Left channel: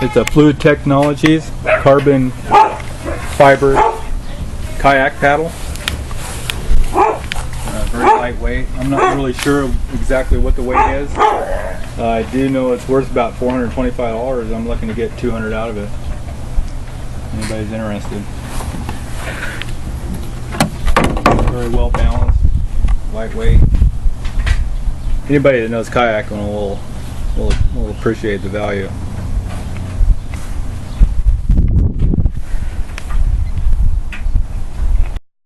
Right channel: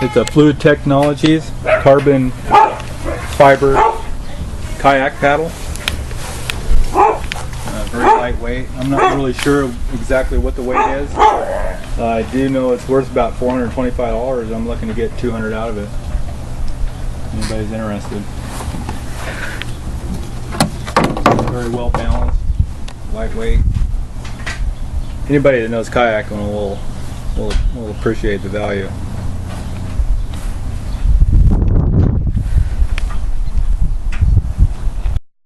It's a Fluid Technologies carbon fiber kayak paddle. Very lightweight. I'm not really sure exactly what the weight is. I do know it's worth about $425. I'm looking to get $200 out of it. Anybody's interested. Very well balanced, lightweight. Anybody that knows kayaking will appreciate the value.